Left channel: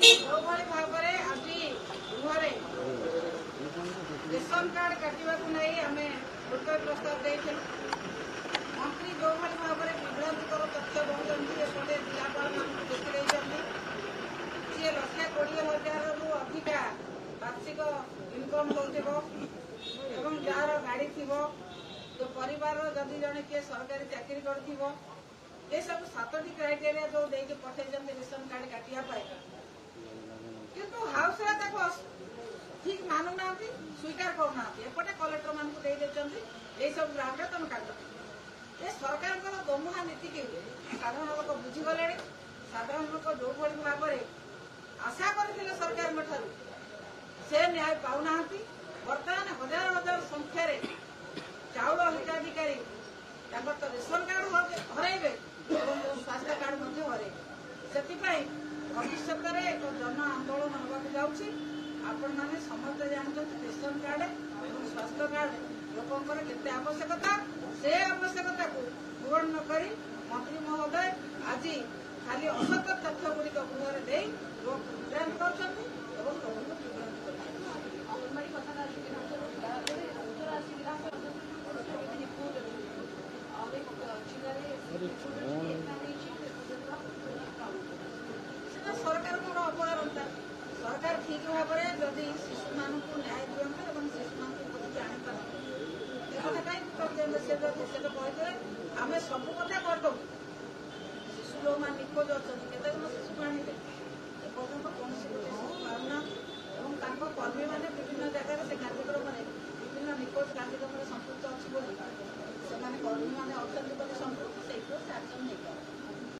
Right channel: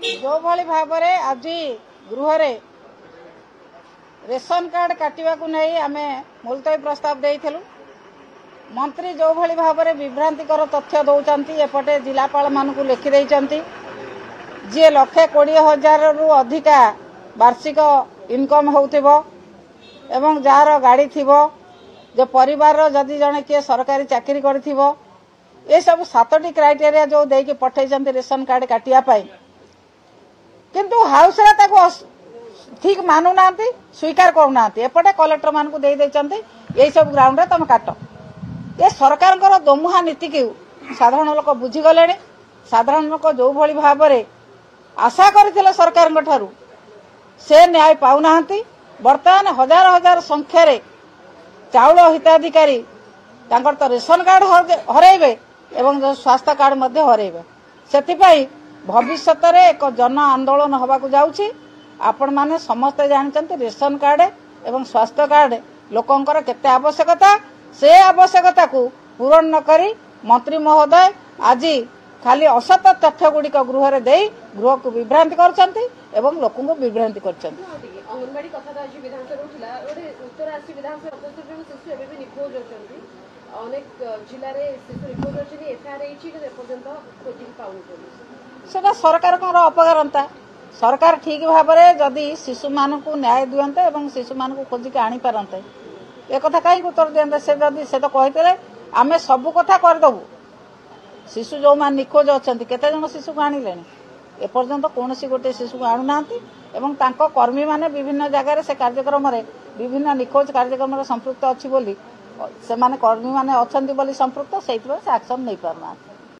जो भली भाव आज गृह रेशन कार्ड काटिबा को नहीं आमे मुलतवी प्रस्ताव देइथिलु। मंत्री जो भली भाव विभ्रांतिकर तथ्य दौरान एपटे जिलापाल मानू लिखि देइचंती जे 1,20,000 रु अधिका वार्षिक इनकम होउथिबो एवं जार गाड़ी थिबो जो परिवार जदि जने किए सरकारी चाकरी करथिबो ये सब 7टी क्राइटेरिया जो देकी पठेइचंती रेशन कार्ड काटिया पाई किंतु हाउस रे ताको ठीक मानु नांती स्वीकार करू नांती एपटे कलेक्टर मान को दे देचंती यही सब ग्राउंड रे तुम काट ये सरकार दोमुहा नीति के साधारण लोक बुझी गले। साधारण लोक जो भली भाव आशा करथिले सरकार ठारू से न्याय पाउ नांती। वर्तमान हजार हजार संख्यार चाउल हिताधिकारी तांकर तो रेशन कार्ड हरइबे एवं स्वास्थ्य कार्ड मध्य हरइबे सेथिपाई भविष्य में एक जन आंदोलन होबाकू जाउछि। आपण माने समस्त जानते रेशन कार्ड एवं स्वास्थ्य कार्ड लोकंकर केते आवश्यकता से आवश्यकता को पूरण न करी मंत्री महोदय आज खाली असत तथ्य गुड़िक गृह दे गृह को विभ्रांति करछंती एवं लोक को विभ्रांति करछंती। अंगनवाड़ी कथा विधानसभा उठला उत्तर आसी विधानसभा शिशु एबे निखोज अछंती अनेक जिल्ला रे शिशु निखोज अछंती एफआईआर हेछि कि पर्यंत खोजी पाउनी सेटा सरकार अपकारता। सरकार ठीक भाव में जदि शिशु मान को न्याय दियंते एवं शिशु मान को खोजिक आनी पारंते एक कथा कहीं उत्तर दियंते से जदि से तो कहते आमे सब कथा करदबु शिशु जो मान निखोज अछंती केते जन शिशु को आनिले एपर्यंत कौन गोटे शिशु को आणु नांती एवं तांको कर्मी माने विभिन्न जगह से कार्यक्रम रे विभिन्न निखोज कार्यक्रम रे संपृक्त अछि बोली से माने कर्मी माने अछंती बोली संपृक्त सेइतबे से एक्शन नै पारना।